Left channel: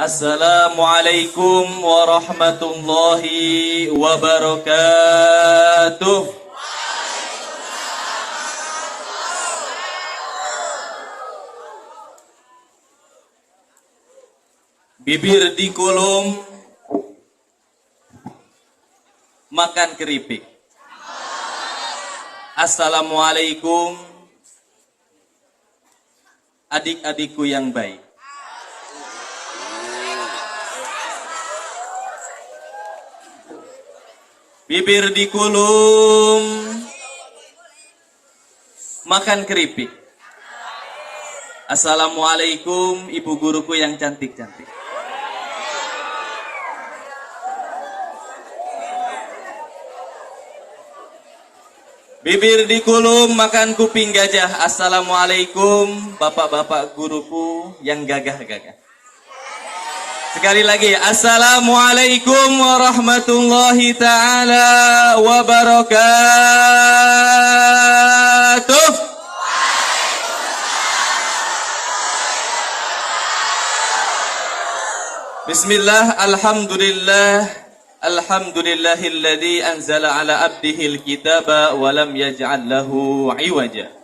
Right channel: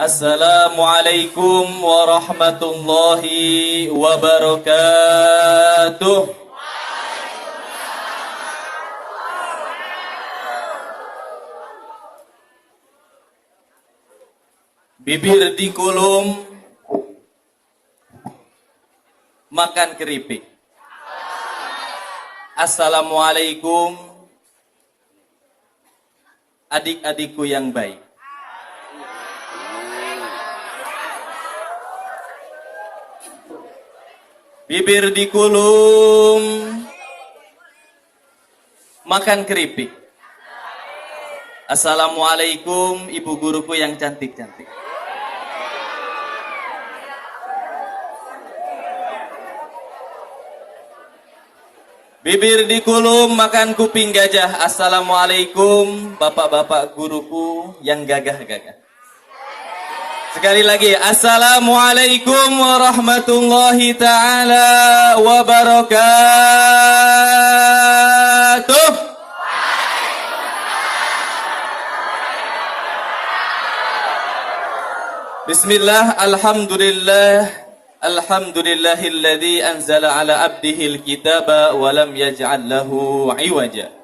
Assalamualaikum warahmatullahi wabarakatuh. Bibir dikulum, makan keripik. Assalamualaikum adik-adikku yang baik. Bibir dikulum, makan keripik. Assalamualaikum ibu guruku yang cantik-cantik. Bibir dikulum, makan kuping gajah. Assalamualaikum bapak-bapak guruku yang gagah-gagah. Sekali lagi, assalamualaikum warahmatullahi ta'ala wabarakatuh. Bismillah, alhamdulillah. Alhamdulillahilladzi anzala ala abdihil kitaba wa lam yaj'al lahu 'iwaja.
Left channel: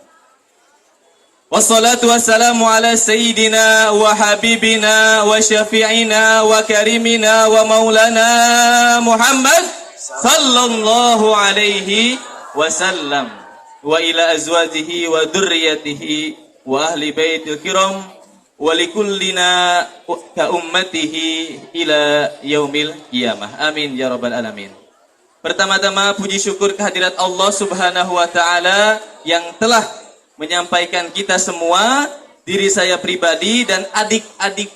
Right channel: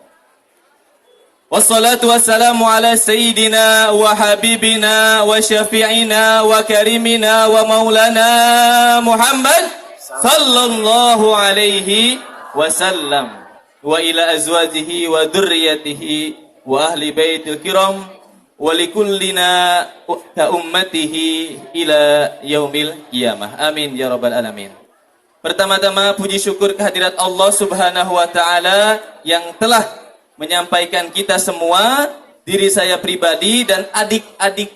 Wassalatu wassalamu ala sayyidina wa habibina wa syafi'ina wa karimina wa maulana Muhammad sallallahu alaihi wasallam wa ila azwajihi wa dhurriyyatihi wa ahli baitil kiram walikullina ka ummatihi ila yaumil qiyamah. Amin ya rabbal alamin. Pertama-tama puji syukur kehadirat Allah Subhanahu wa taala yang telah menyampaikan kita semua, diri saya pribadi dan adik-adik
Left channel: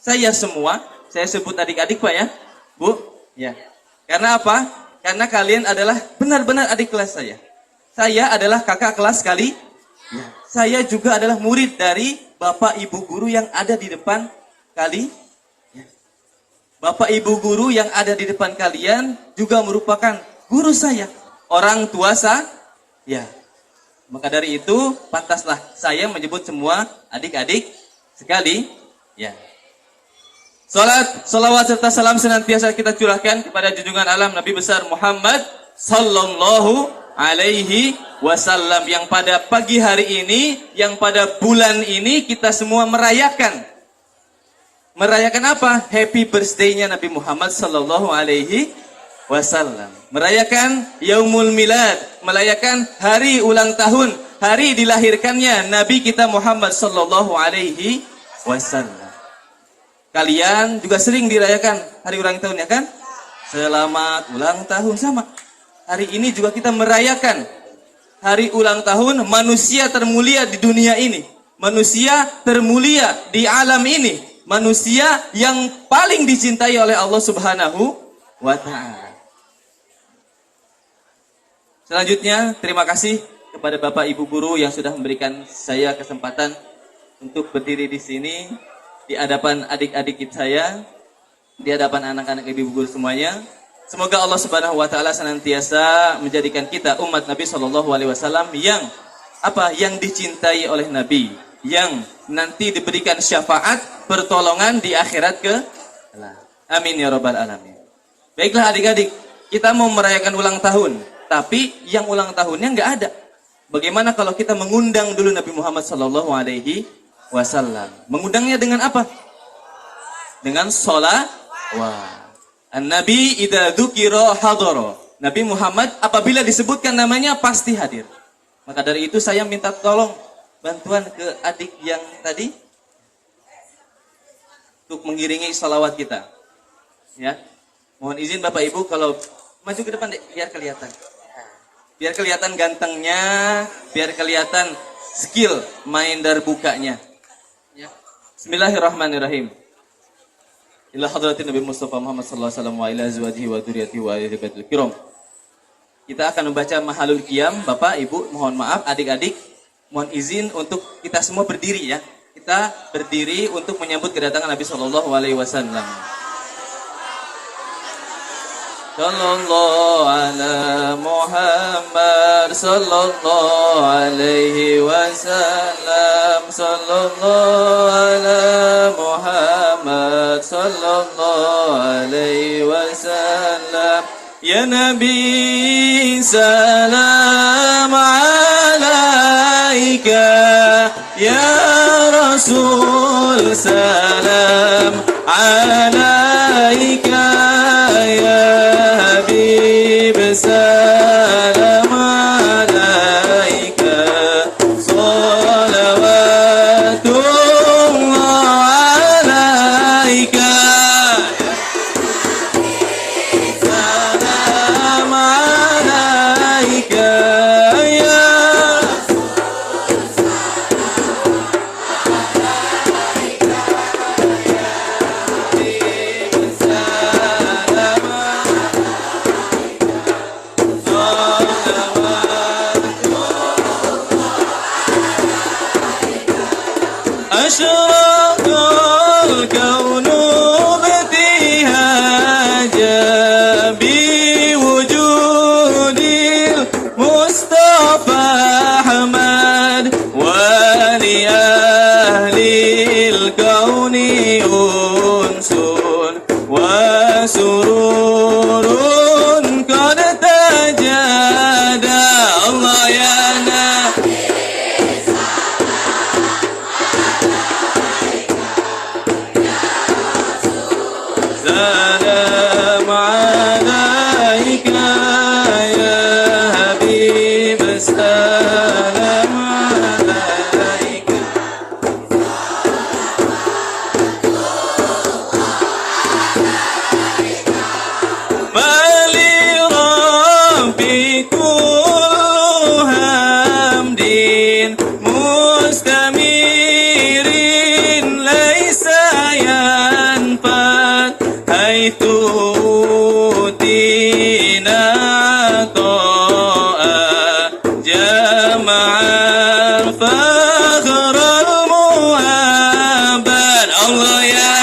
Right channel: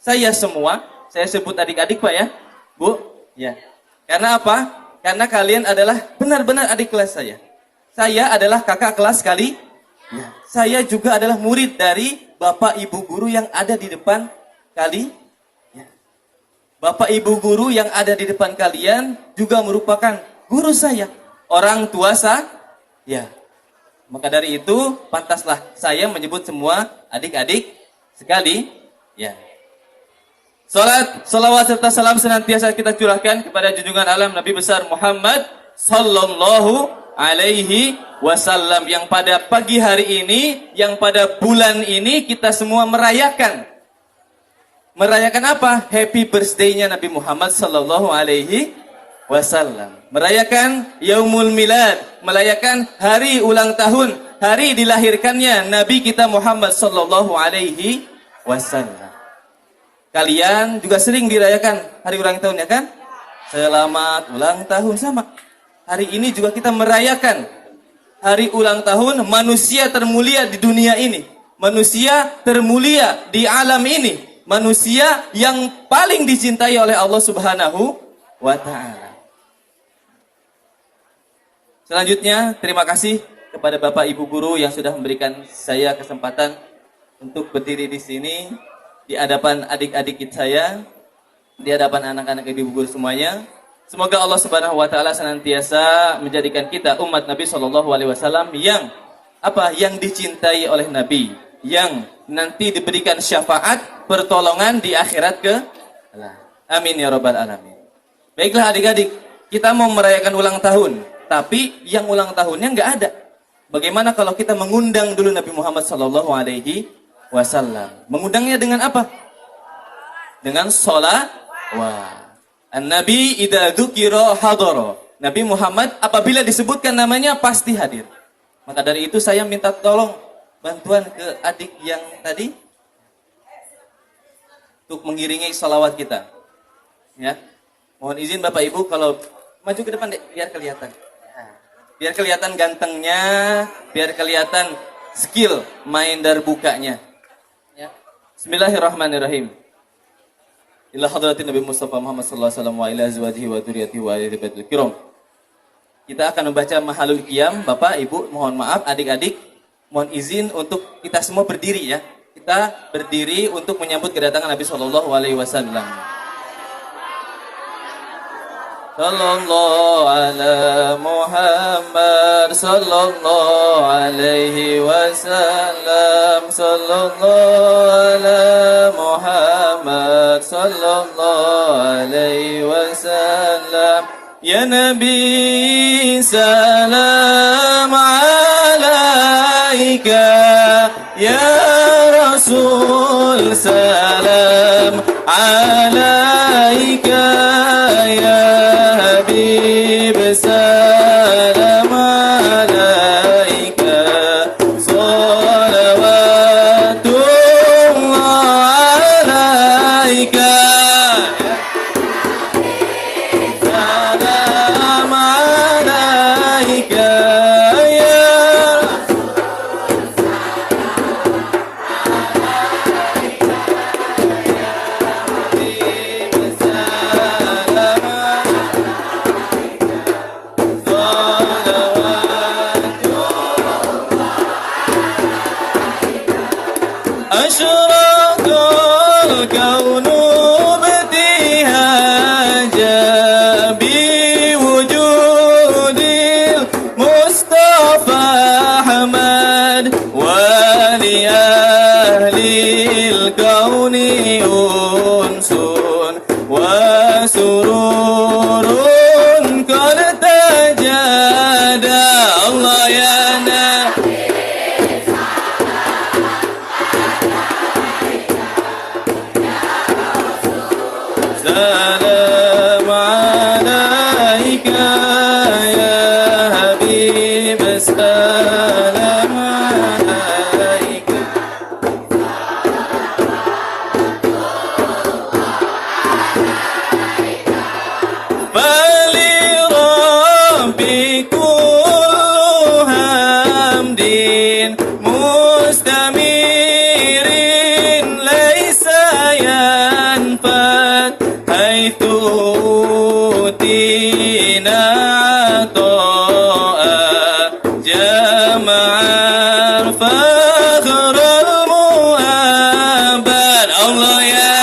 saya semua. Saya sebut adik-adik Pak ya, Bu? Ya. Karena apa? Karena kalian adalah benar-benar adik kelas saya. Saya adalah kakak kelas kali. Ya. Saya juga adalah murid dari Bapak Ibu guru yang ada di depan kali. Ya. Bapak Ibu guru yang ada di depan kalian juga merupakan guru saya, orang tua saya. Ya. Maka dari itu pantaslah saya menyebut semua adik-adik sekali. Ya. Salat, salawat serta salam senantiasa kita curahkan kepada junjungan alam Nabi besar Muhammad sallallahu alaihi wasallam yang pada pagi hari ini, yang pada bulan ini kita semua merayakan apa? Happy birthday-nya Nabi Muhammad sallallahu alaihi wasallam. Merayakan Yaumul Milad, merayakan hari ulang tahun, hari dilahirkannya Nabi kita Muhammad sallallahu alaihi wasallam. Kalian juga sering dirayakan hari ulang tahunnya kan? Selamat ulang tahun sama. Hari ini juga kita merayakan hari ulang tahun manusia termulia di dunia ini. Manusia termulia di alam ini. Manusia yang paling dicintai oleh Allah Subhanahu wa ta'ala. Selanjutnya, terima kasih kepada Bapak Ibu Guru yang sudah memberikan saya kesempatan untuk berdiri di sini, di hadapan adik-adik saya, di hadapan anak-anak Ibu Guru semuanya. Semoga Allah Subhanahu wa taala senantiasa menjadikan kita umat Nabi sallallahu alaihi wasallam yang yang dicintai oleh Nabi, yang nanti diberikan syafaat pertolongan di akhirat ke Allah. Amin ya rabbal alamin. Baiklah adik-adik, kita mau merayakan ulang tahun, tapi yang ulang tahunnya enggak ada. Bagaimana kalau kita mengundang dulu Nabi Muhammad sallallahu alaihi wasallam? Mengundangnya dengan apa? Dengan sholawat. An-Nabi idza dzukira hadara. Nabi Muhammad apabila disebutkan namanya pasti hadir. Maka dari itu saya minta tolong bantuan ke adik yang tadi untuk mengiringi salawat kita. Ya. Mohon izin Bapak Ibu kalau maju ke depan deh, biar kelihatan. Biar kelihatan gantengnya, biar kelihatan skill main darbukanya. Ya. Bismillahirrahmanirrahim. Ila hadratin Nabi Mustafa Muhammad sallallahu alaihi wasallam wa ila azwajihi wa dzurriyyatihi wa ahli baitil kiram. Kita akan membaca Mahalul Qiyam. Bapak, Ibu, mohon maaf adik-adik, mohon izin untuk kita semua berdiri ya. Kita berdiri untuk menyambut kedatangan Nabi sallallahu alaihi wasallam. Sallallahu ala Muhammad sallallahu alaihi wasallam. Sallallahu ala Muhammad سلام عليك يا رسول سلام عليك يا حبيب سلام عليك صلوات الله عليك سلام عليك يا أشرق الكون ابتهاجا بوجود المصطفى أحمد ولأهل الكون أنس وسرور قد تجادى الله يا نبي سلام عليك يا حبيب سلام عليك فلربي كل حمد مستمر ليس ينفد حيث أوتينا عطاء جمع الفخر المؤبد الله يا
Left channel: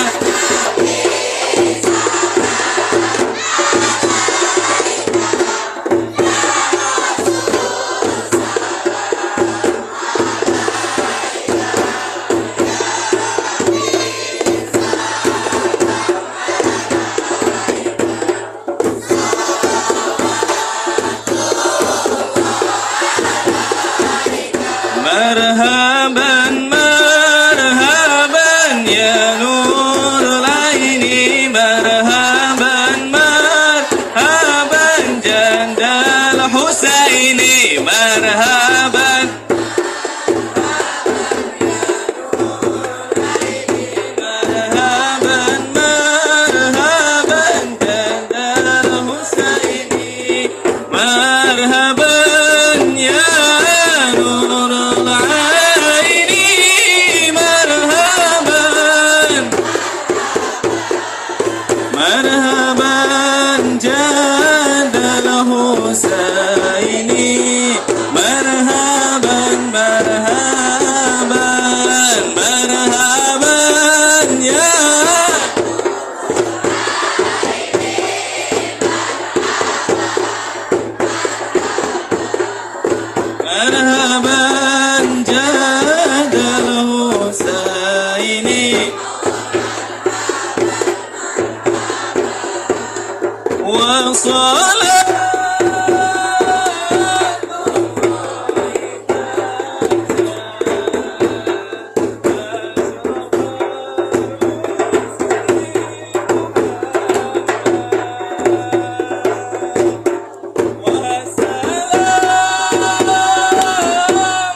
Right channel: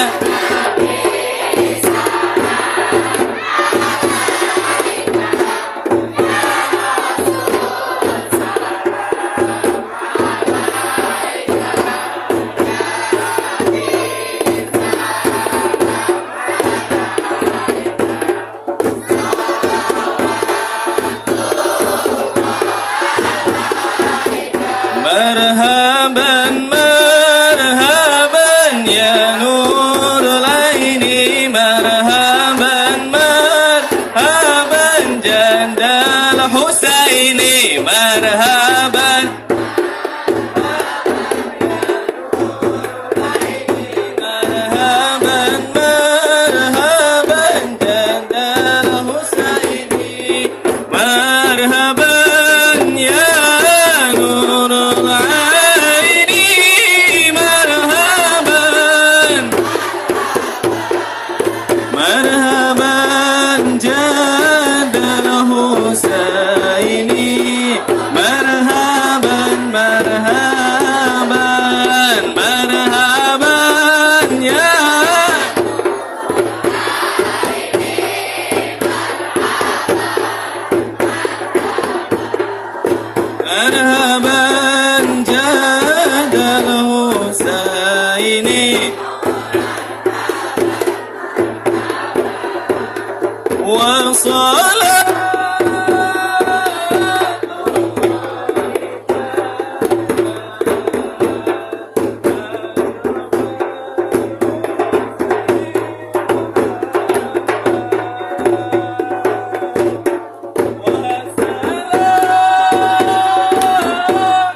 مرحبا مرحبا يا نور العين مرحبا مرحبا جند الحسين مرحبا مرحبا مرحبا جند الحسين مرحبا يا نور العين مرحبا مرحبا جد الحسين مرحبا مرحبا مرحبا يا مرحبا جد الحسين وصلاة وسلام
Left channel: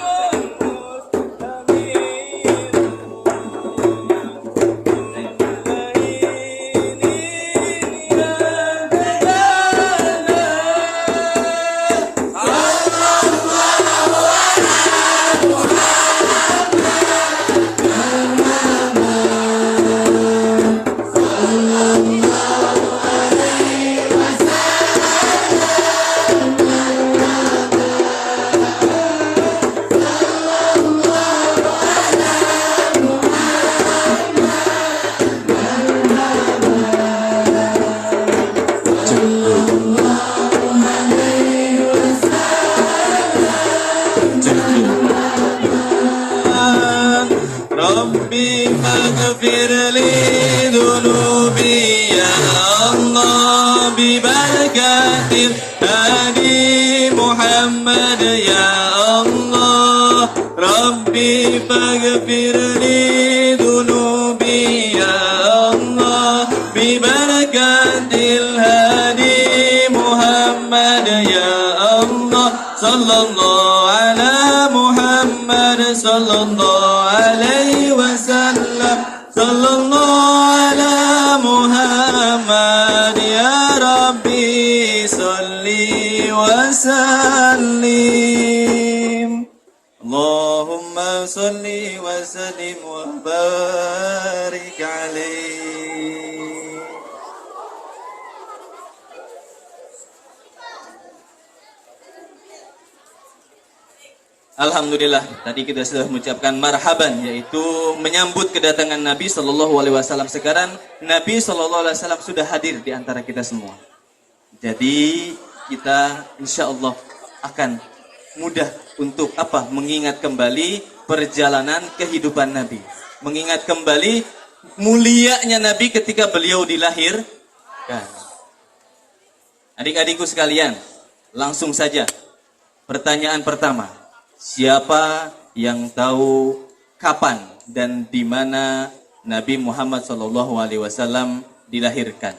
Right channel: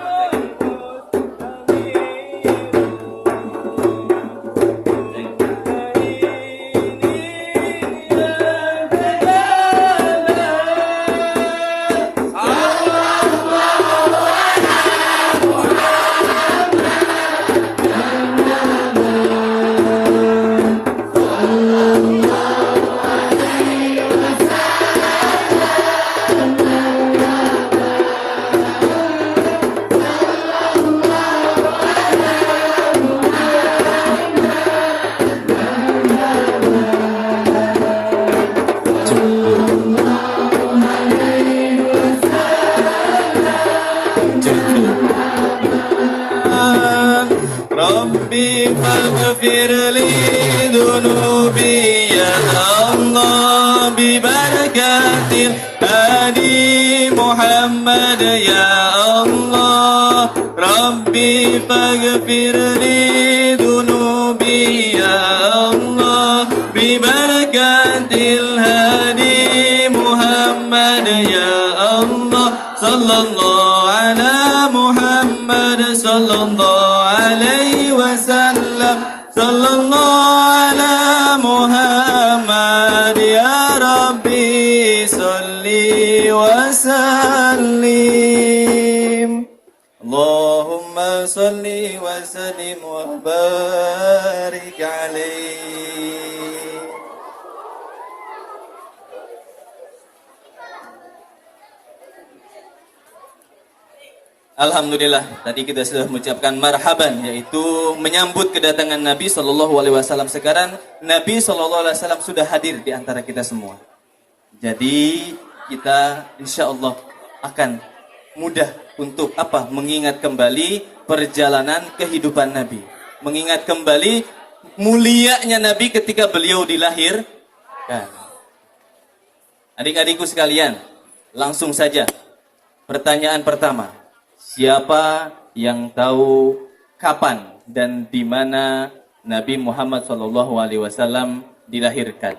ya Allah. Rabbi faghfir li dunubi ya Allah. Bi barakatil hadi Muhammad ya Allah. Sallallahu ala Muhammad sallallahu alaihi wasallam. Sallallahu ala Muhammad ya Rabbi salli wa sallim. Allahumma salli wa sallim wa barik alaihi. Alhamdulillah, tadi kita sudah mengucapkan marhaban, yaitu menyambut kedatangan Nabi Shallallahu Alaihi Wasallam. Sekarang Nabi Shallallahu Alaihi Wasallam sudah hadir di antara kita semua. Jadi kita insya Allah akan mudah untuk apa? Mengingat kembali perjalanan kehidupan Nabi, mengingat kembali mulianya Nabi ketika beliau dilahirkan. Adik-adikku sekalian, langsung saja pertanyaan pertama. Siapa yang tahu kapan dan di mana Nabi Muhammad SAW dilahirkan?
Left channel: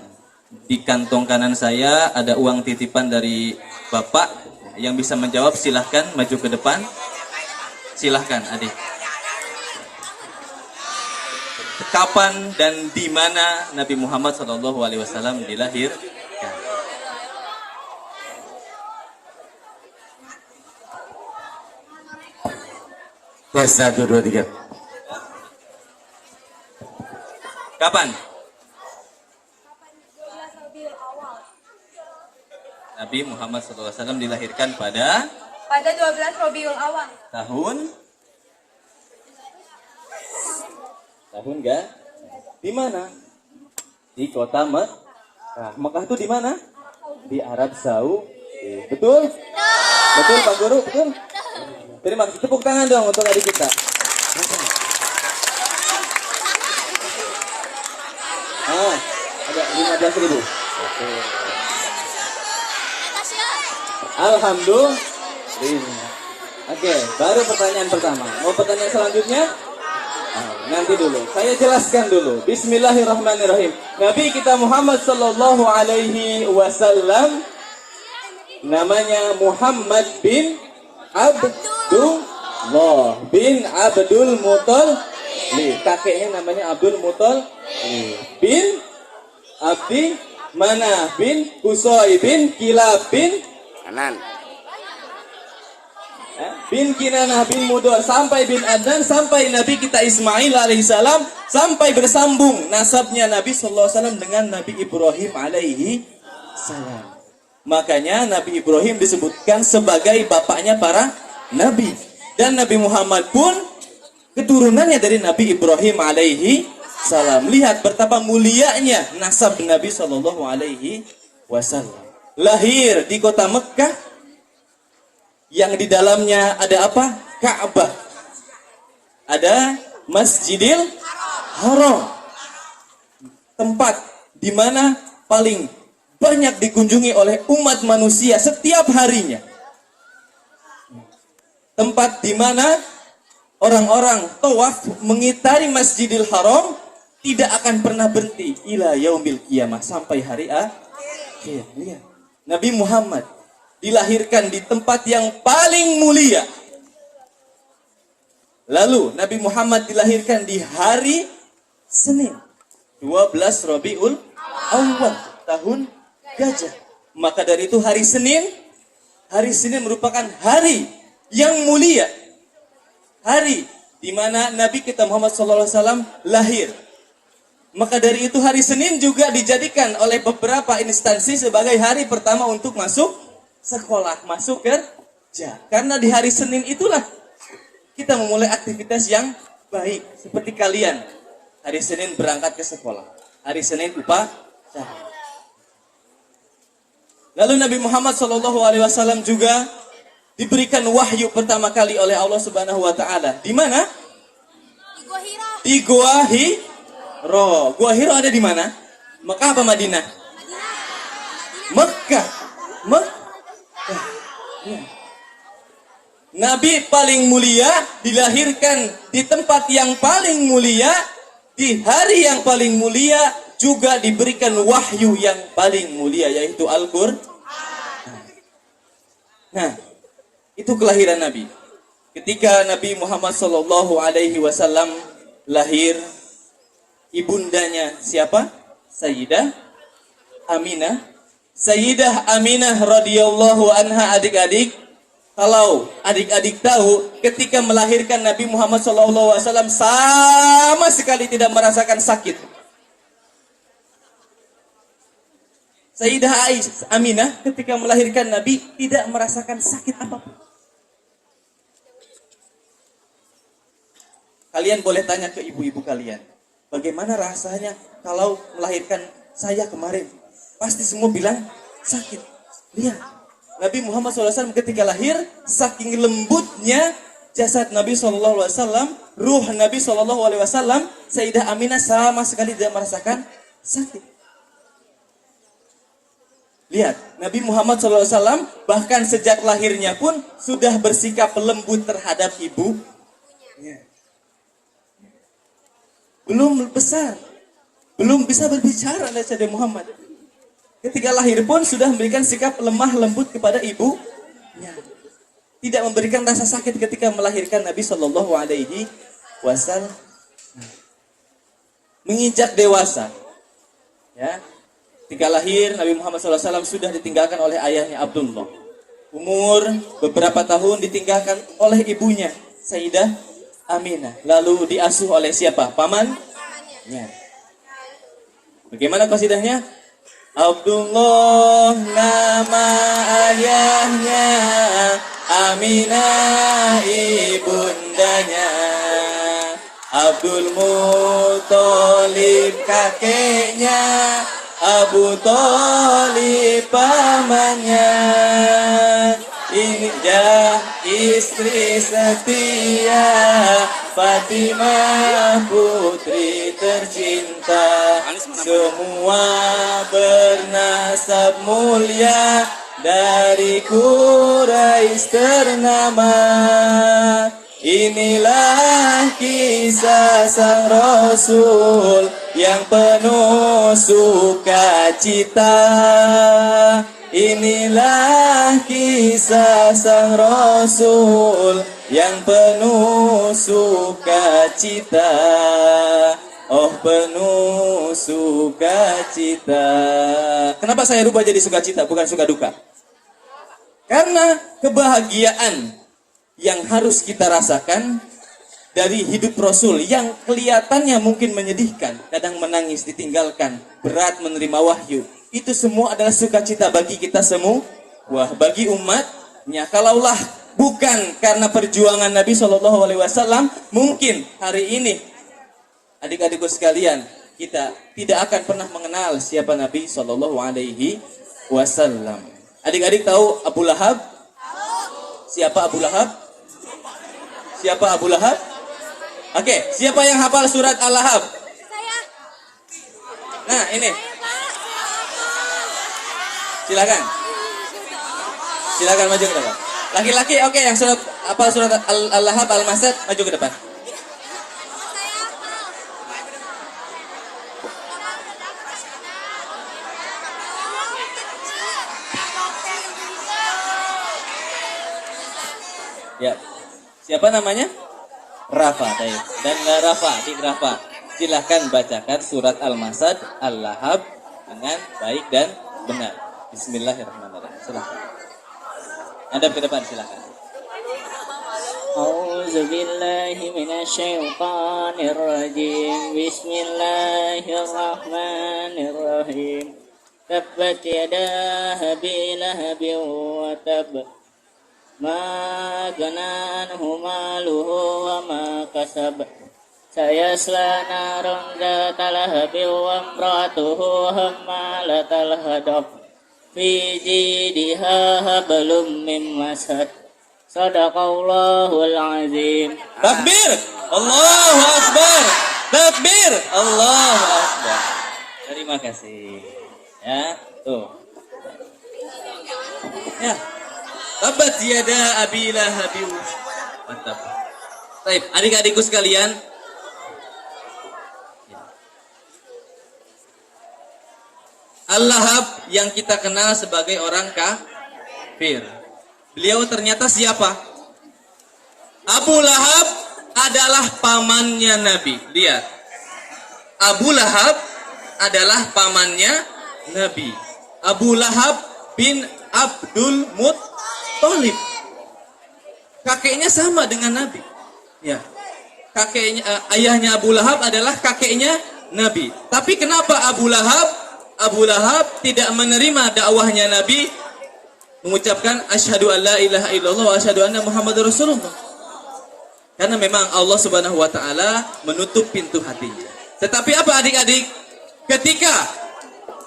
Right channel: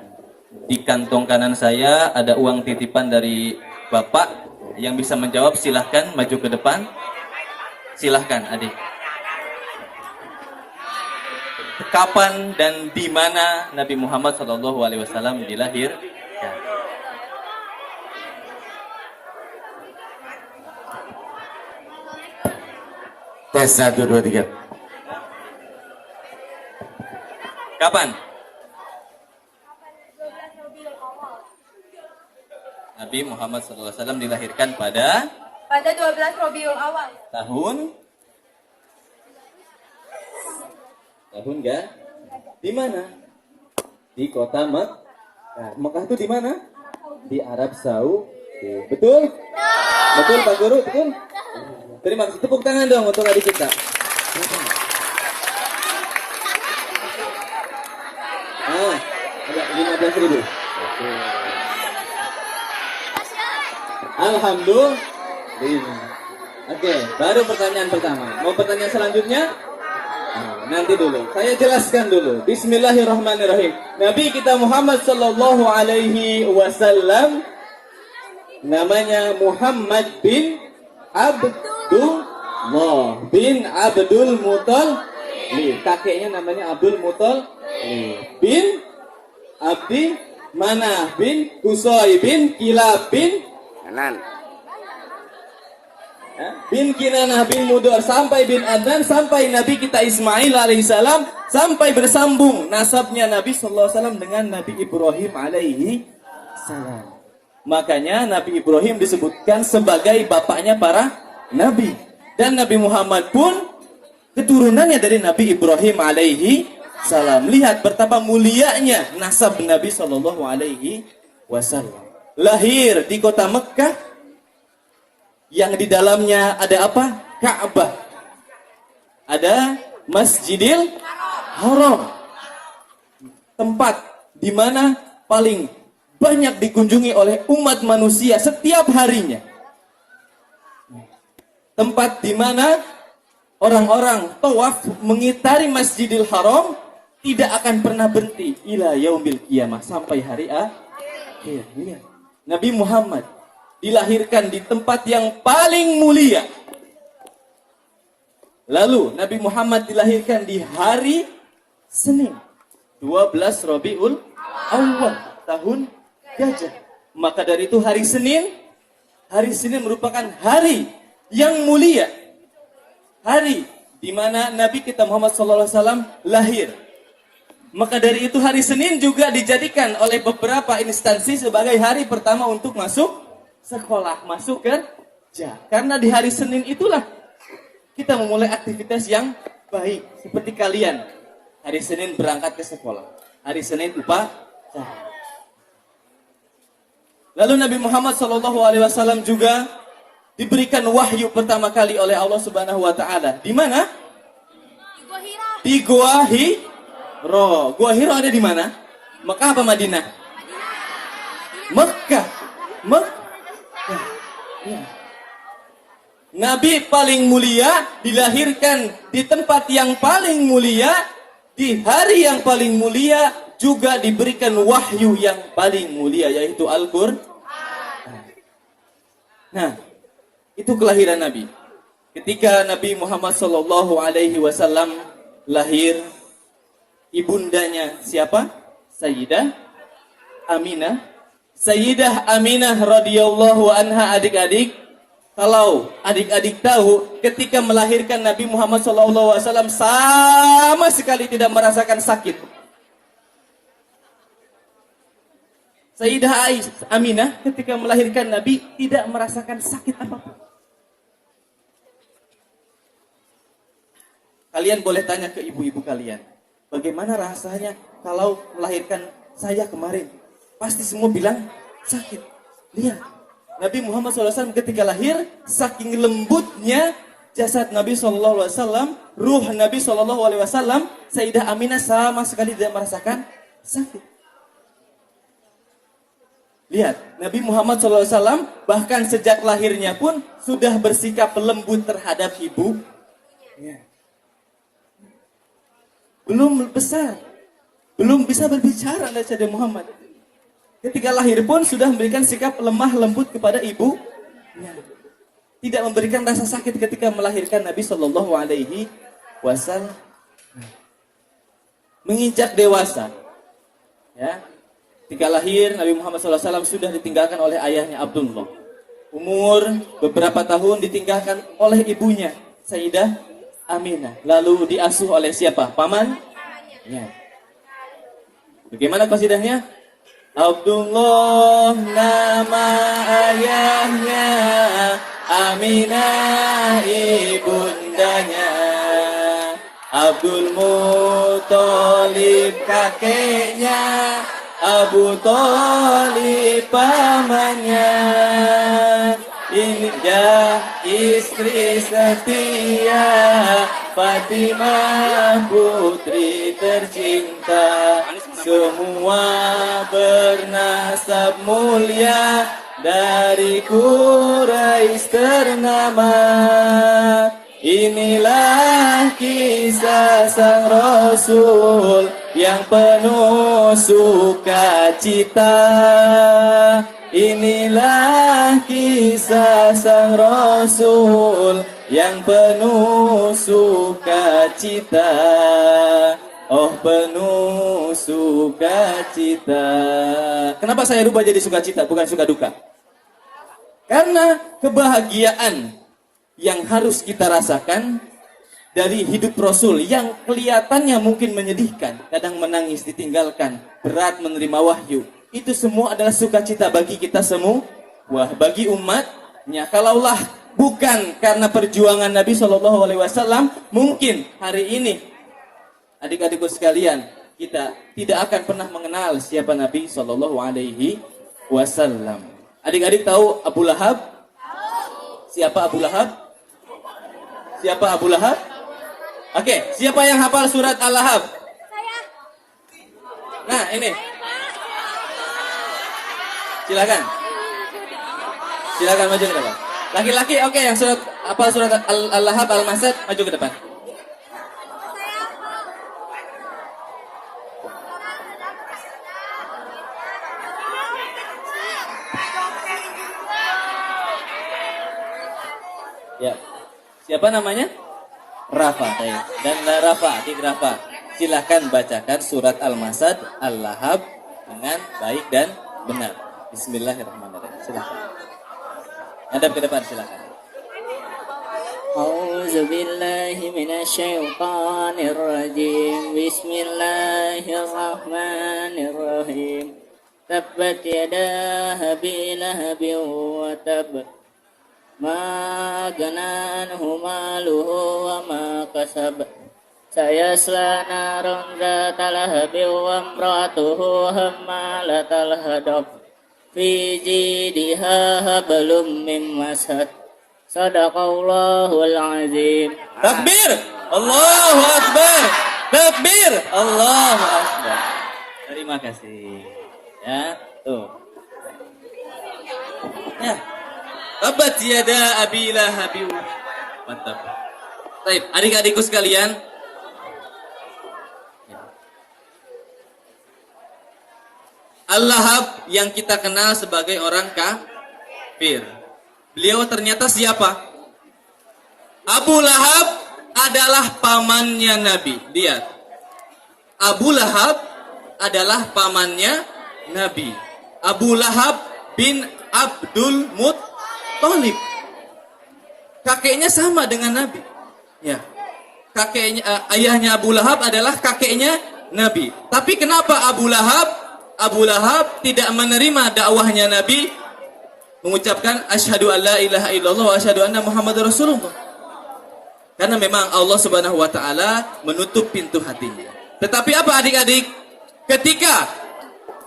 Di kantong kanan saya ada uang titipan dari Bapak. Yang bisa menjawab silahkan maju ke depan. Silahkan adik. Kapan dan di mana Nabi Muhammad SAW dilahirkan? Tes 1, 2, 3. Kapan? Nabi Muhammad SAW dilahirkan pada 12 Rabiul Awal. tahun enggak? Di mana? Di kota Mekah. Mekah itu di mana? Di Arab Saudi. Betul? Betul Pak Guru? Betul? Terima kasih. Tepuk tangan dong untuk adik kita. Ada 15.000. Alhamdulillah. Oke, baru pertanyaan pertama. Mau pertanyaan selanjutnya? Nanti dulu. Saya jelaskan dulu. Bismillahirrahmanirrahim. Nabi kita Muhammad sallallahu alaihi wasallam namanya Muhammad bin Abdullah bin Abdul Muthalib. Kakeknya namanya Abdul Muthalib bin Abdi Manaf bin Qusay bin Kilab bin Kanan. bin Kinanah bin Mudor sampai bin Adnan sampai Nabi kita Ismail alaihissalam sampai bersambung nasabnya Nabi sallallahu alaihi wasallam dengan Nabi Ibrahim alaihi salam. Makanya Nabi Ibrahim disebutkan sebagai bapaknya para nabi. Dan Nabi Muhammad pun keturunannya dari Nabi Ibrahim alaihi salam. Lihat betapa mulianya nasab Nabi sallallahu alaihi wasallam. Lahir di kota Mekah yang di dalamnya ada apa? Ka'bah. Ada Masjidil Haram. Tempat di mana paling banyak dikunjungi oleh umat manusia setiap harinya. Tempat di mana orang-orang tawaf mengitari Masjidil Haram tidak akan pernah berhenti ila yaumil qiyamah sampai hari akhir. Nabi Muhammad dilahirkan di tempat yang paling mulia. Lalu Nabi Muhammad dilahirkan di hari Senin 12 Rabiul Awal tahun Gajah. Maka dari itu hari Senin merupakan hari yang mulia. Hari di mana Nabi kita Muhammad SAW lahir. Maka dari itu hari Senin juga dijadikan oleh beberapa instansi sebagai hari pertama untuk masuk sekolah, masuk kerja. Karena di hari Senin itulah kita memulai aktivitas yang baik. Seperti kalian, hari Senin berangkat ke sekolah. Hari Senin upacara. Lalu Nabi Muhammad SAW juga diberikan wahyu pertama kali oleh Allah Subhanahu Wa Taala. Di mana? Di Gua Hiro. Gua Hiro ada di mana? Mekah apa Madinah? Mekah. Ya. Nabi paling mulia dilahirkan di tempat yang paling mulia, di hari yang paling mulia, juga diberikan wahyu yang paling mulia, yaitu Al-Qur'an. Nah, itu kelahiran Nabi. Ketika Nabi Muhammad SAW lahir, ibundanya siapa? Sayyidah Aminah. Sayyidah Aminah radhiyallahu anha, adik-adik, kalau adik-adik tahu, ketika melahirkan Nabi Muhammad SAW sama sekali tidak merasakan sakit. Sayyidah Aminah ketika melahirkan Nabi tidak merasakan sakit apapun. Kalian boleh tanya ke ibu-ibu kalian, bagaimana rasanya kalau melahirkan saya kemarin? Pasti semua bilang sakit. Lihat, Nabi Muhammad SAW ketika lahir, saking lembutnya jasad Nabi SAW, ruh Nabi SAW, Sayyidah Aminah sama sekali tidak merasakan sakit. Lihat, Nabi Muhammad SAW bahkan sejak lahirnya pun sudah bersikap lembut terhadap ibunya. Belum besar, belum bisa berbicara Nabi Muhammad. Ketika lahir pun sudah memberikan sikap lemah lembut kepada ibunya. Tidak memberikan rasa sakit ketika melahirkan Nabi Shallallahu Alaihi Wasallam. Menginjak dewasa, ya. Ketika lahir Nabi Muhammad SAW sudah ditinggalkan oleh ayahnya Abdullah. Umur beberapa tahun ditinggalkan oleh ibunya Sayyidah Aminah. Lalu diasuh oleh siapa? Pamannya. Bagaimana qasidahnya? Abdullah nama ayahnya, Aminah ibundanya, Abdul Muthalib kakeknya, Abu Thalib pamannya. Ini dia istri setia, Fatimah putri tercinta. Semua bernasab mulia, dari Quraisy ternama. Inilah kisah sang Rasul yang penuh sukacita. Inilah kisah sang Rasul yang penuh sukacita. Oh, penuh sukacita. Kenapa saya rubah jadi sukacita bukan suka duka? Karena kebahagiaan yang harus kita rasakan dari hidup Rasul yang kelihatannya mungkin menyedihkan, kadang menangis, ditinggalkan, berat menerima wahyu, itu semua adalah sukacita bagi kita semua. Wah, bagi umatnya. Kalaulah bukan karena perjuangan Nabi SAW, mungkin hari ini adik-adikku sekalian, kita tidak akan pernah mengenal siapa Nabi SAW. Adik-adik tahu Abu Lahab? Siapa Abu Lahab? Siapa Abu Lahab? Oke, siapa yang hafal surat Al-Lahab? Nah, ini. Silakan. Silakan maju ke depan. Laki-laki, oke, yang surat hafal surat Al-Lahab, Al-Masad, maju ke depan. Ya, siapa namanya? Rafa, dan Rafa, Adik Rafa, silahkan bacakan surat Al-Masad, Al-Lahab dengan baik dan benar. Bismillahirrahmanirrahim. Silahkan. Hadap ke depan, silahkan. A'udzu billahi minasyaitonir rajim. Bismillahirrahmanirrahim. Tabbat yada abi lahabin wa tab. Ma gana anhu maluhu wa ma kasab. Sayasla naran dzata lahabin wa imratuhu hammalatal hadab. Fi jidha hablum min masad. Sadaqallahul azim. Takbir! Allahu Akbar! Takbir! Allahu Akbar. Terima kasih. Ya, tuh. Ya. Tabat yada abi lahabin. Mantap. Baik, adik-adikku sekalian. Al-Lahab yang kita kenal sebagai orang kafir. Beliau ternyata siapa? Abu Lahab adalah pamannya Nabi. Lihat. Abu Lahab adalah pamannya Nabi. Abu Lahab bin Abdul Muttalib. Kakeknya sama dengan Nabi. Ya. Ayahnya Abu Lahab adalah kakeknya Nabi. Tapi kenapa Abu Lahab tidak menerima dakwahnya Nabi, mengucapkan asyhadu alla ilaha illallah wa asyhadu anna Muhammadar Rasulullah? Karena memang Allah Subhanahu wa taala menutup pintu hatinya. Tetapi apa adik-adik? Ketika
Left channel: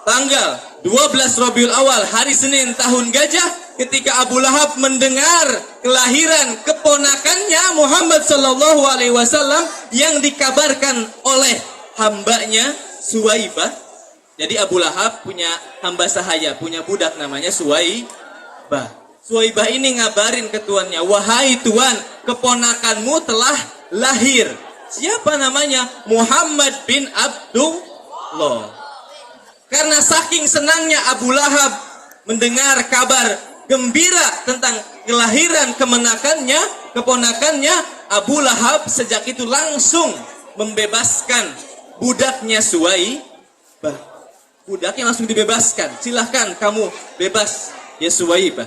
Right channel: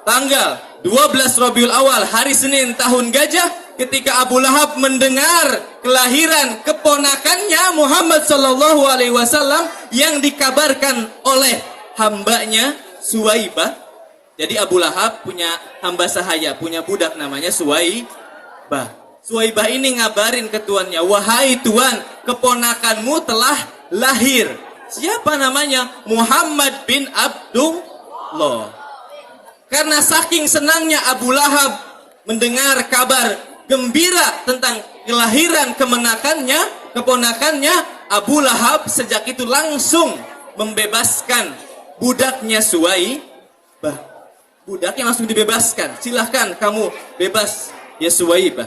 tanggal 12 Rabiul Awal, hari Senin tahun gajah, ketika Abu Lahab mendengar kelahiran keponakannya Muhammad sallallahu alaihi wasallam yang dikabarkan oleh hambanya Suwaibah. Jadi Abu Lahab punya hamba sahaya, punya budak namanya Suwaibah. Suwaibah ini ngabarin ke tuannya, wahai tuan, keponakanmu telah lahir. Siapa namanya? Muhammad bin Abdullah. Karena saking senangnya Abu Lahab mendengar kabar gembira tentang kelahiran keponakannya, Abu Lahab sejak itu langsung membebaskan budaknya Suwaibah. Budaknya langsung dibebaskan. Silahkan kamu bebas ya Suwaibah.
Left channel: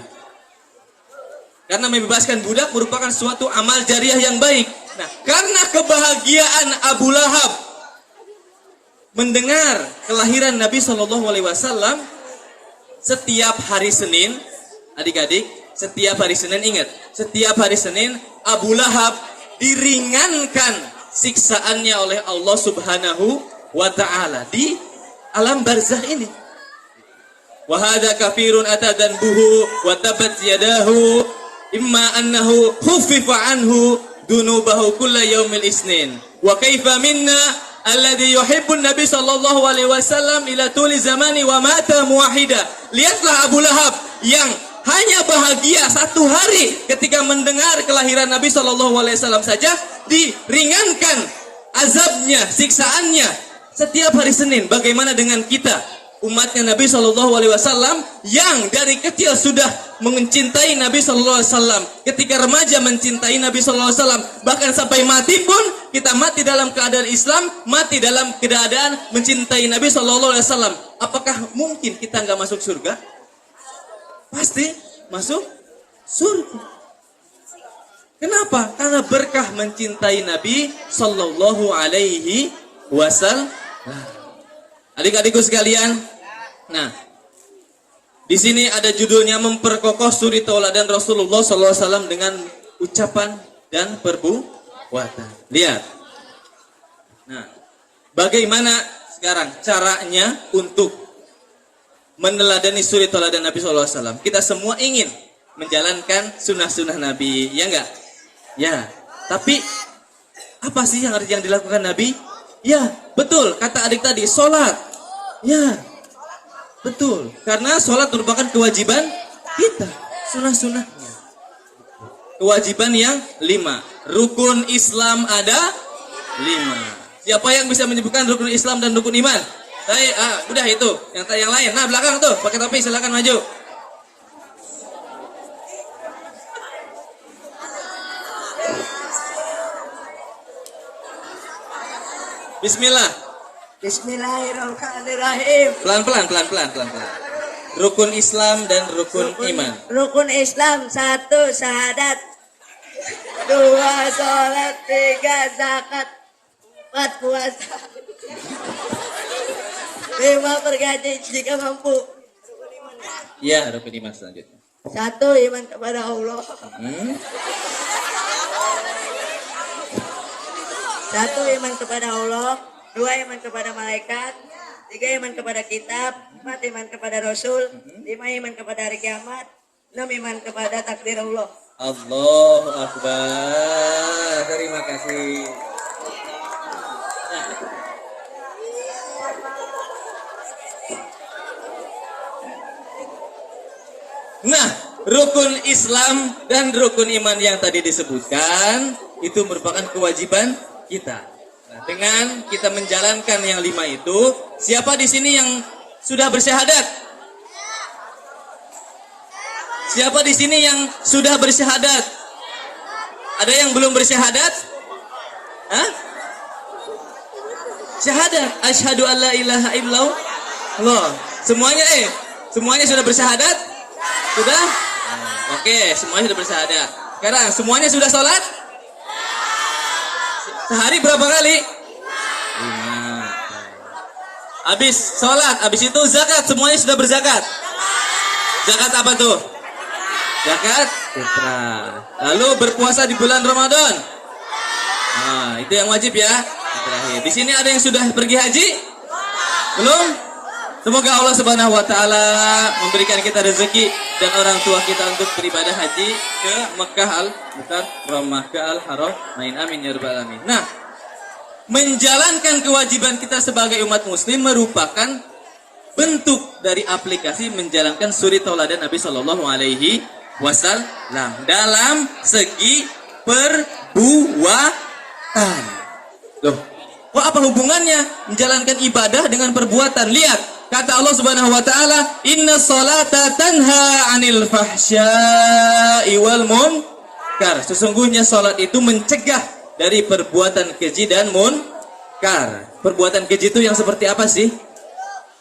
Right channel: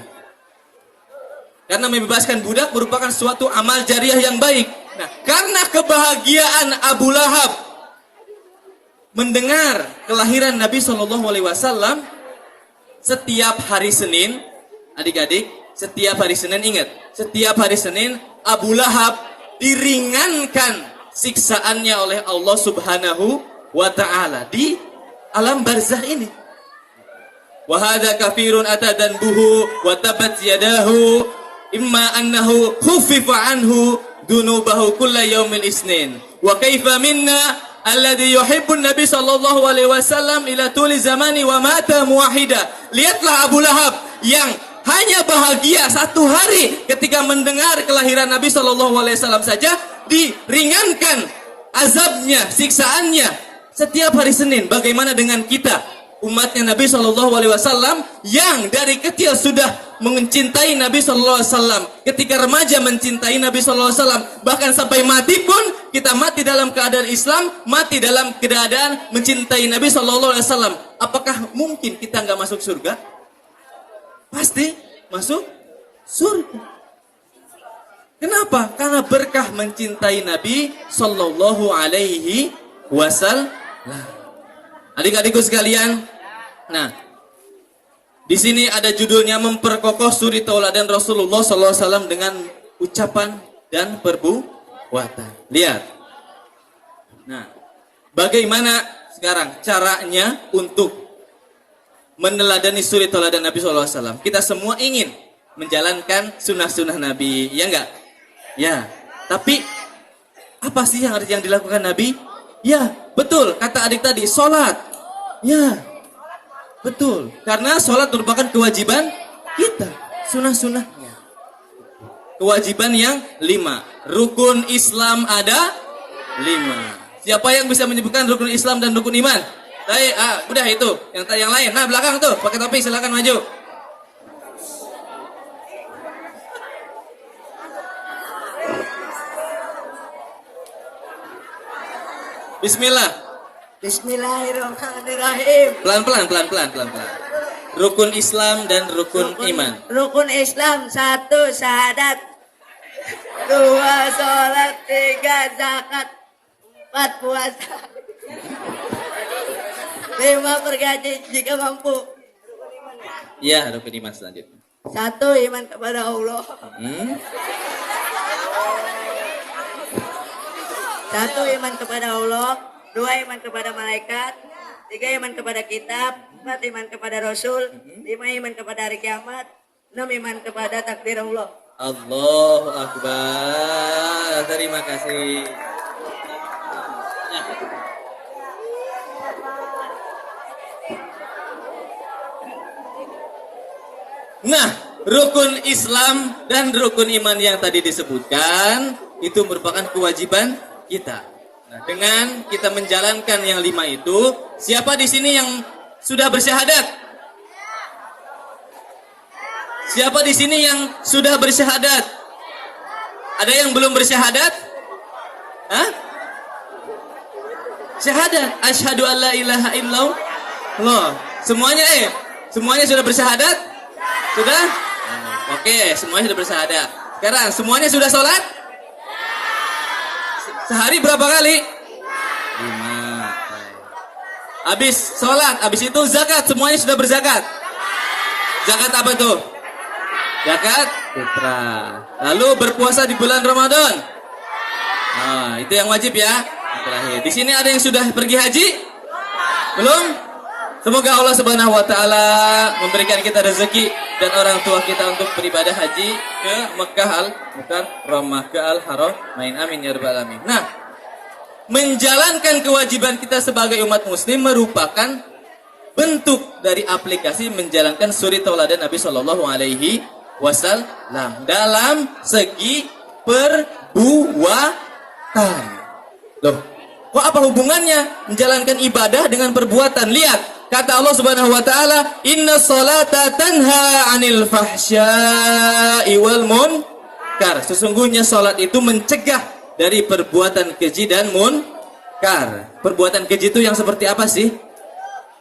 Karena membebaskan budak merupakan suatu amal jariah yang baik. Nah, karena kebahagiaan Abu Lahab mendengar kelahiran Nabi Shallallahu Alaihi Wasallam, setiap hari Senin, adik-adik, setiap hari Senin ingat, setiap hari Senin Abu Lahab diringankan siksaannya oleh Allah Subhanahu wa Ta'ala di alam barzah ini. Wa hadza kafirun atadan buhu wa tabat yadahu imma annahu khuffifa anhu dunubahu kulla yaumil isnin wa kaifa minna alladhi yuhibbu nabi sallallahu alaihi wasallam ila tuli zamani wa mata muwahhida. Lihatlah Abu Lahab yang hanya bahagia satu hari ketika mendengar kelahiran Nabi sallallahu alaihi wasallam saja diringankan azabnya, siksaannya setiap hari Senin. Bagaimana dengan kita, umatnya Nabi Shallallahu Alaihi Wasallam yang dari kecil sudah mencintai Nabi Shallallahu Alaihi Wasallam, ketika remaja mencintai Nabi Shallallahu Alaihi Wasallam, bahkan sampai mati pun kita mati dalam keadaan Islam, mati dalam keadaan mencintai Nabi Shallallahu Alaihi Wasallam. Apakah mungkin kita nggak masuk surga? Pasti masuk surga. Kenapa? Karena berkah mencintai Nabi Shallallahu Alaihi Wasallam. Adik-adikku sekalian, nah di sini ada judulnya memperkokoh suri tauladan Rasulullah SAW dengan ucapan dan perbuatan. Lihat, nah bagaimana sekarang caranya untuk meneladani suri tauladan Nabi SAW? Kita semua ingin menjalankan sunnah-sunnah Nabi, ya enggak? Ya, tapi apa sih yang dilakukan Nabi? Ya, betul, kata adik tadi, sholat. Ya, betul, karena sholat merupakan kewajiban kita, sunnah-sunnahnya. Kewajiban yang 5. Rukun Islam ada 5. Siapa yang bisa menyebutkan rukun Islam dan rukun iman? Udah itu, yang lain. Nah, belakang tuh, pakai topi, silakan maju. Bismillah. Bismillahirrahmanirrahim. Pelan-pelan. Rukun Islam dan rukun iman. Rukun Islam 1 syahadat, 2 sholat, 3 zakat, 4 puasa, 5 bergaji jika mampu. Ya, rukun iman selanjutnya. 1 iman kepada Allah. 1 iman kepada Allah, 2 iman kepada malaikat, 3 iman kepada kitab, 4 iman kepada Rasul, 5 iman kepada hari kiamat, 6 iman kepada takdir Allah. Allahu Akbar. Terima kasih. Nah, rukun Islam dan rukun iman yang tadi disebutkan itu merupakan kewajiban kita. Nah, dengan kita menjalankan yang 5 itu, siapa di sini yang sudah bersyahadat? Siapa di sini yang sudah bersyahadat? Ada yang belum bersyahadat? Hah? Syahadat, asyhadu alla ilaha illallah. Semuanya sudah bersyahadat? Sudah? Oke, semuanya sudah bersyahadat. Sekarang semuanya sudah sholat? Sehari berapa kali? 5. Habis sholat, habis itu zakat, semuanya sudah berzakat. Zakat apa tuh? Zakat fitrah. Lalu berpuasa di bulan Ramadan. Nah, itu yang wajib ya. Terakhir. Di sini ada yang sudah pergi haji? Belum? Semoga Allah Subhanahu wa taala memberikan kita rezeki dan orang tua kita untuk beribadah haji ke Mekah al-Mukarramah, ke Al-Haramain. Amin ya rabbal alamin. Nah, menjalankan kewajiban kita sebagai umat muslim merupakan bentuk dari aplikasi menjalankan suri tauladan Nabi Shallallahu alaihi wasallam dalam segi perbuatan. Loh, kok apa hubungannya menjalankan ibadah dengan perbuatan? Lihat, kata Allah Subhanahu wa taala, "Inna sholata tanha 'anil fahsya'i wal munkar." Sesungguhnya salat itu mencegah dari perbuatan keji dan munkar. Perbuatan keji itu yang seperti apa sih?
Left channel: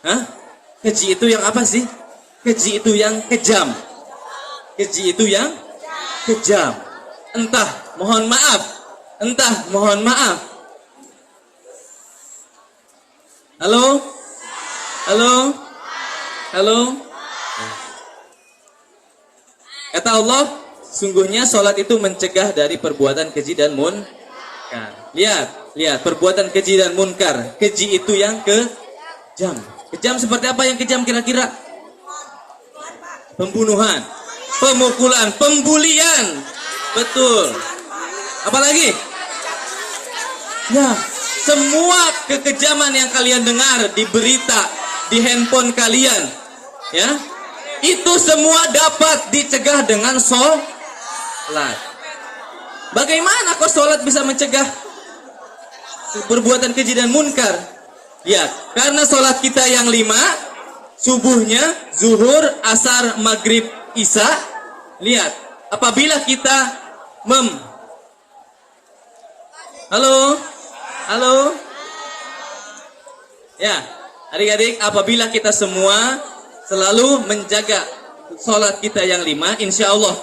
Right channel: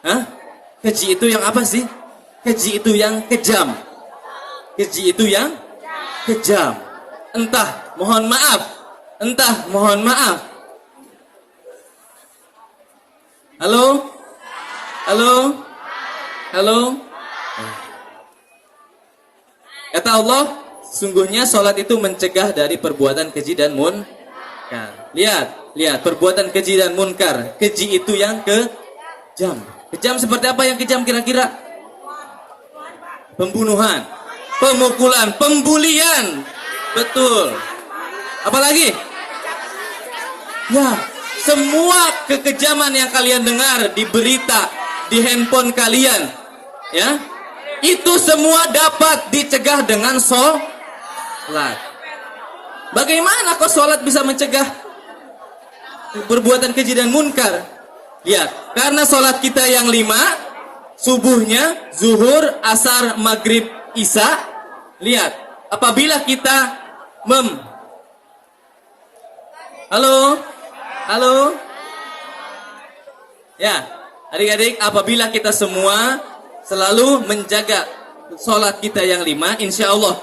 Hah? Keji itu yang apa sih? Keji itu yang kejam. Keji itu yang kejam. Entah mohon maaf. Halo? Kata Allah, sungguhnya sholat itu mencegah dari perbuatan keji dan munkar. Lihat, perbuatan keji dan munkar. Keji itu yang kejam. Kejam seperti apa yang kejam kira-kira? Pembunuhan, pemukulan, pembulian. Betul. Apalagi? Ya, semua kekejaman yang kalian dengar di berita, di handphone kalian, ya, itu semua dapat dicegah dengan sholat. Bagaimana kok sholat bisa mencegah perbuatan keji dan munkar? Ya, karena sholat kita yang 5, subuhnya, zuhur, asar, maghrib, isya. Lihat, apabila kita Halo? Ya, adik-adik, apabila kita semua selalu menjaga sholat kita yang 5, insya Allah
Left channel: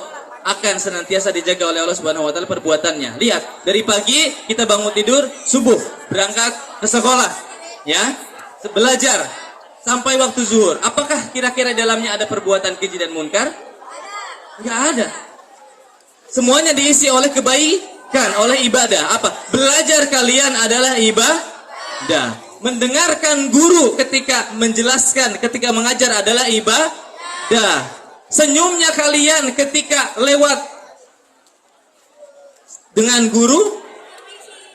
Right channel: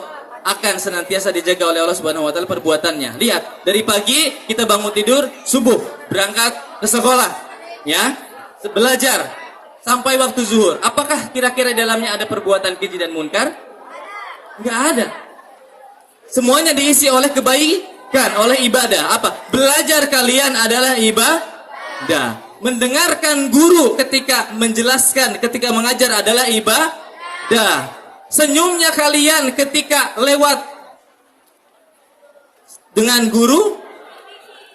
akan senantiasa dijaga oleh Allah Subhanahu wa taala perbuatannya. Lihat, dari pagi kita bangun tidur, subuh, berangkat ke sekolah, ya, belajar sampai waktu zuhur. Apakah kira-kira dalamnya ada perbuatan keji dan munkar? Enggak ada. Semuanya diisi oleh kebaikan, oleh ibadah. Apa? Belajar kalian adalah ibadah. Mendengarkan guru ketika menjelaskan, ketika mengajar adalah ibadah. Senyumnya kalian ketika lewat dengan guru,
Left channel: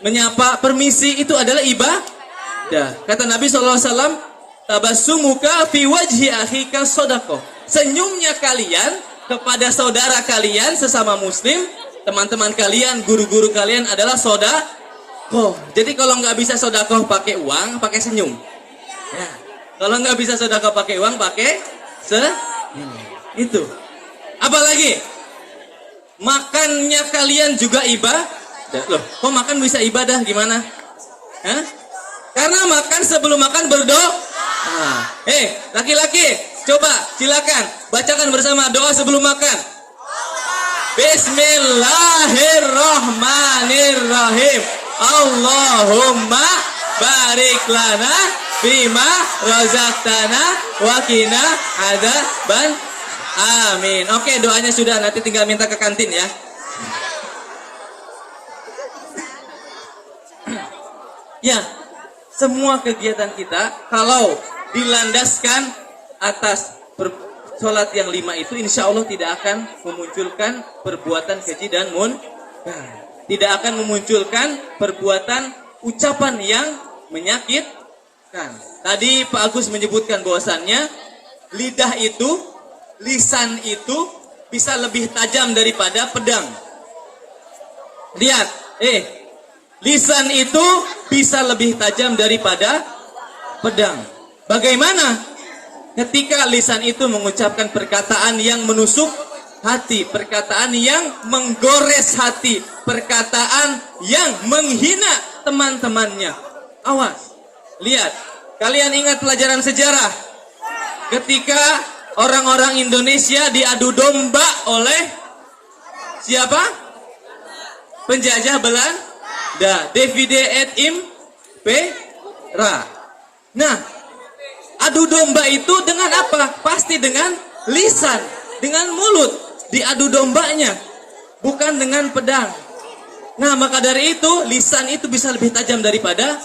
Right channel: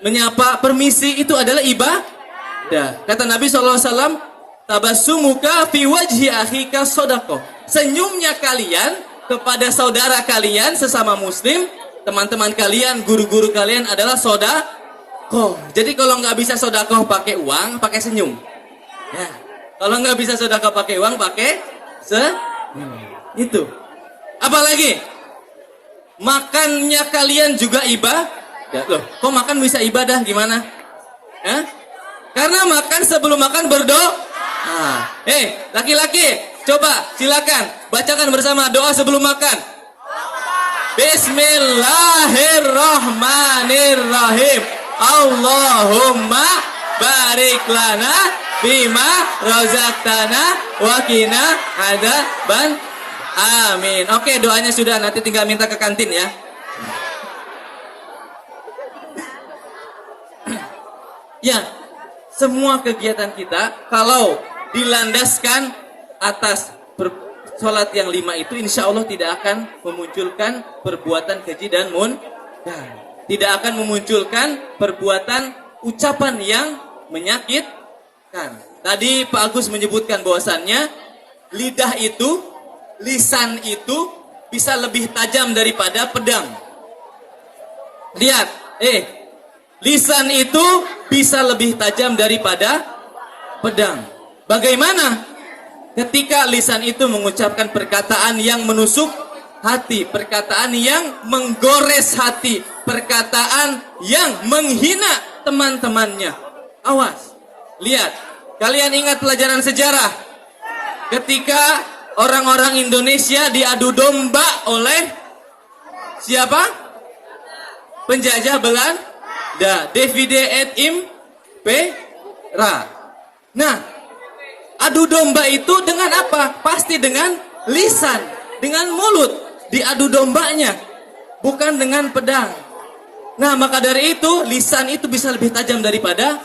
menyapa, permisi, itu adalah ibadah. Kata Nabi SAW, tabassumuka fi wajhi akhika sodaqah. Senyumnya kalian kepada saudara kalian sesama muslim, teman-teman kalian, guru-guru kalian adalah sodakoh. Jadi kalau nggak bisa sodakoh pakai uang, pakai senyum. Ya. Kalau nggak bisa sodakoh pakai uang, pakai senyum. Itu. Apalagi makannya kalian juga ibadah. Loh, kok makan bisa ibadah? Gimana? Hah? Karena makan sebelum makan berdoa. Laki-laki, coba silakan bacakan bersama doa sebelum makan. Bismillahirrahmanirrahim. Allahumma barik lana bima razaqtana wa qina adzaban. Amin. Oke, doanya sudah, nanti tinggal minta ke kantin ya. Ya, semua kegiatan kita kalau dilandaskan atas sholat yang 5 itu, insya Allah tidak akan memunculkan perbuatan keji dan munkar. Tidak akan memunculkan perbuatan ucapan yang menyakitkan. Tadi Pak Agus menyebutkan bahwasannya lidah itu, lisan itu bisa lebih tajam daripada pedang. Lihat, lisan itu bisa lebih tajam daripada pedang. Bagaimana? Ketika lisan itu mengucapkan perkataan yang menusuk hati, perkataan yang menggores hati, perkataan yang menghina teman-temannya. Awas, lihat, kalian ingat pelajaran sejarah ketika orang-orang Indonesia diadu domba oleh siapa? Penjajah Belanda, divide et impera. Nah, adu domba itu dengan apa? Pasti dengan lisan, dengan mulut. Diadu dombanya, bukan dengan pedang. Nah, maka dari itu lisan itu bisa lebih tajam daripada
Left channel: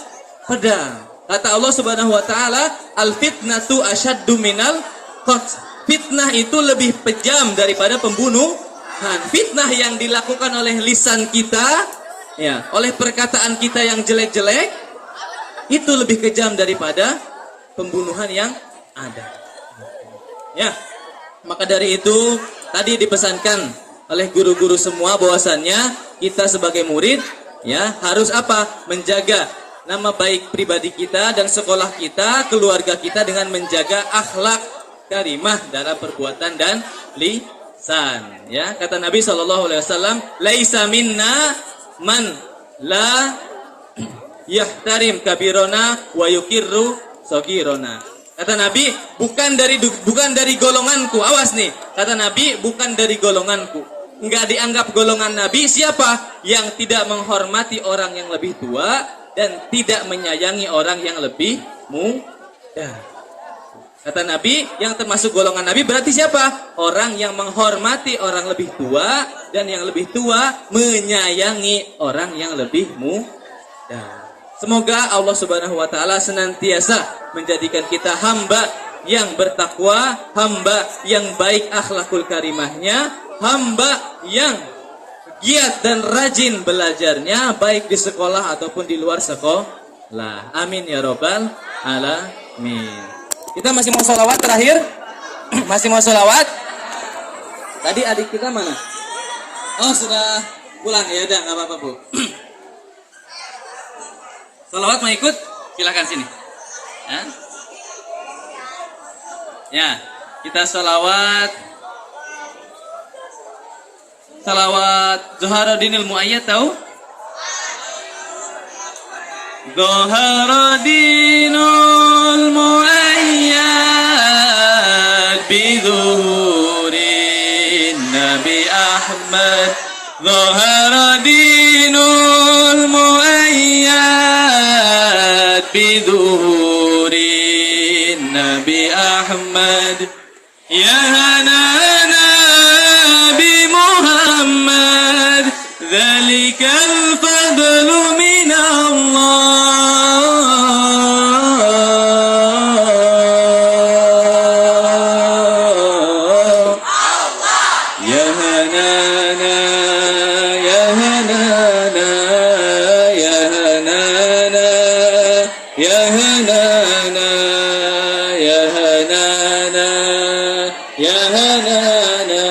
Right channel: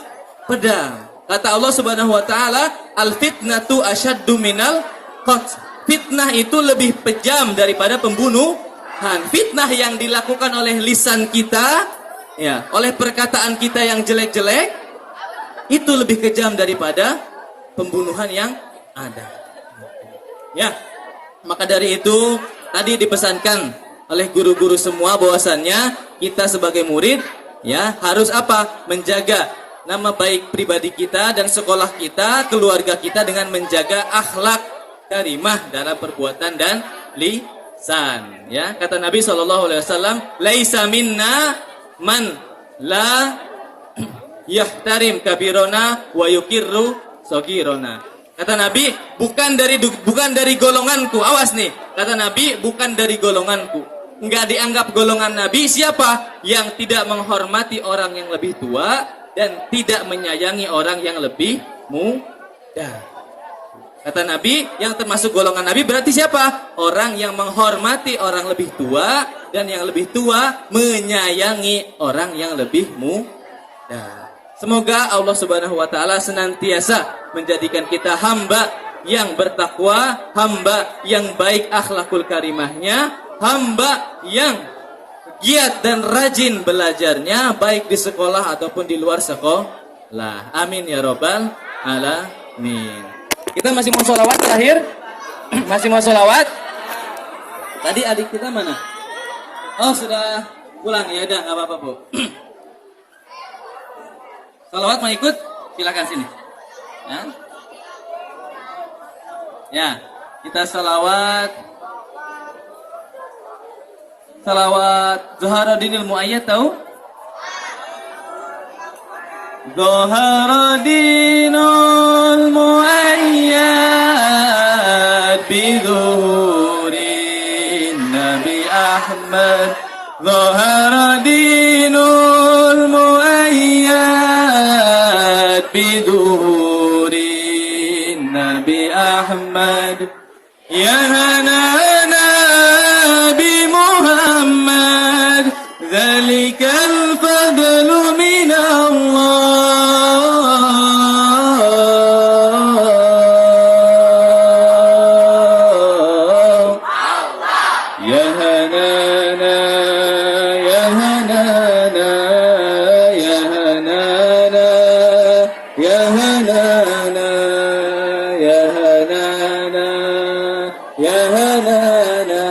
pedang. Kata Allah Subhanahu wa taala, al-fitnatu asyaddu minal qatl. Fitnah itu lebih kejam daripada pembunuhan. Fitnah yang dilakukan oleh lisan kita, ya, oleh perkataan kita yang jelek-jelek, itu lebih kejam daripada pembunuhan yang ada. Ya, maka dari itu tadi dipesankan oleh guru-guru semua bahwasannya kita sebagai murid ya harus apa? Menjaga nama baik pribadi kita dan sekolah kita, keluarga kita dengan menjaga akhlak karimah dalam perbuatan dan lisan. Ya, kata Nabi SAW, laisa minna man la yahtarim kabirona wa yukirru sogirona. Kata Nabi, bukan dari golonganku. Awas nih, kata Nabi, bukan dari golonganku. Enggak dianggap golongan Nabi siapa? Yang tidak menghormati orang yang lebih tua dan tidak menyayangi orang yang lebih muda. Kata Nabi, yang termasuk golongan Nabi berarti siapa? Orang yang menghormati orang lebih tua dan yang lebih tua menyayangi orang yang lebih muda. Semoga Allah Subhanahu wa taala senantiasa menjadikan kita hamba yang bertakwa, hamba yang baik akhlakul karimahnya, hamba yang giat dan rajin belajarnya baik di sekolah ataupun di luar sekolah. Amin ya robbal alamin. Kita masih mau sholawat terakhir? Masih mau sholawat? Tadi adik kita mana? Oh, sudah pulang. Ya udah, nggak apa-apa, Bu. Sholawat mau ikut? Silakan sini. Ya, kita sholawat. Sholawat Zuharuddinil Muayyad tahu? Zuharuddinul Muayyad bizuhurin Nabi Ahmad. Zuharuddinul Muayyad bizuhurin Nabi Ahmad. Ya hanana bi Muhammad, dzalikal fadlu min Allah. Ya hanana, ya hanana, ya hanana, ya hanana, ya hanana, ya hanana,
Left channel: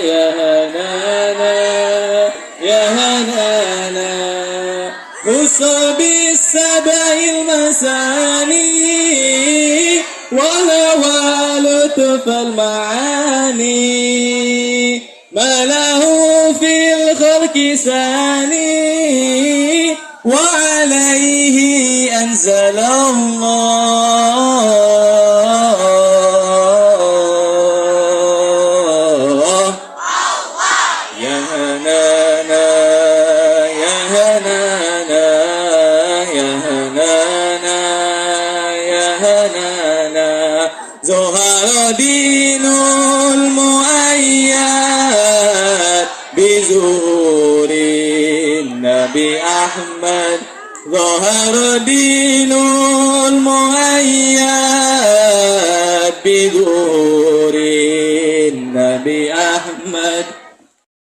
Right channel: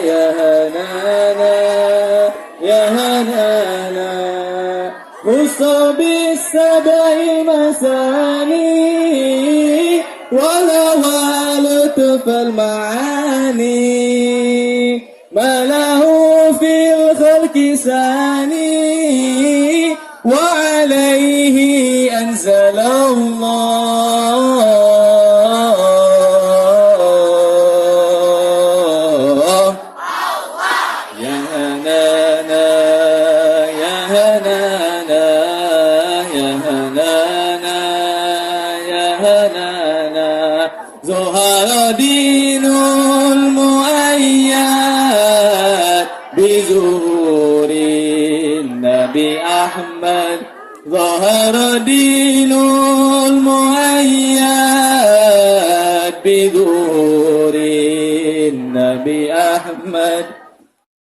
ya hanana, ya hanana. Usabi sabail masani wala walutuf al-ma'ani malahu fil khalqi sani wa alayhi anzalallah. Ya hanana, ya hanana, ya hanana, ya hanana. Zuharuddinul Muayyad bizuhurin Nabi Ahmad. Zuharuddinul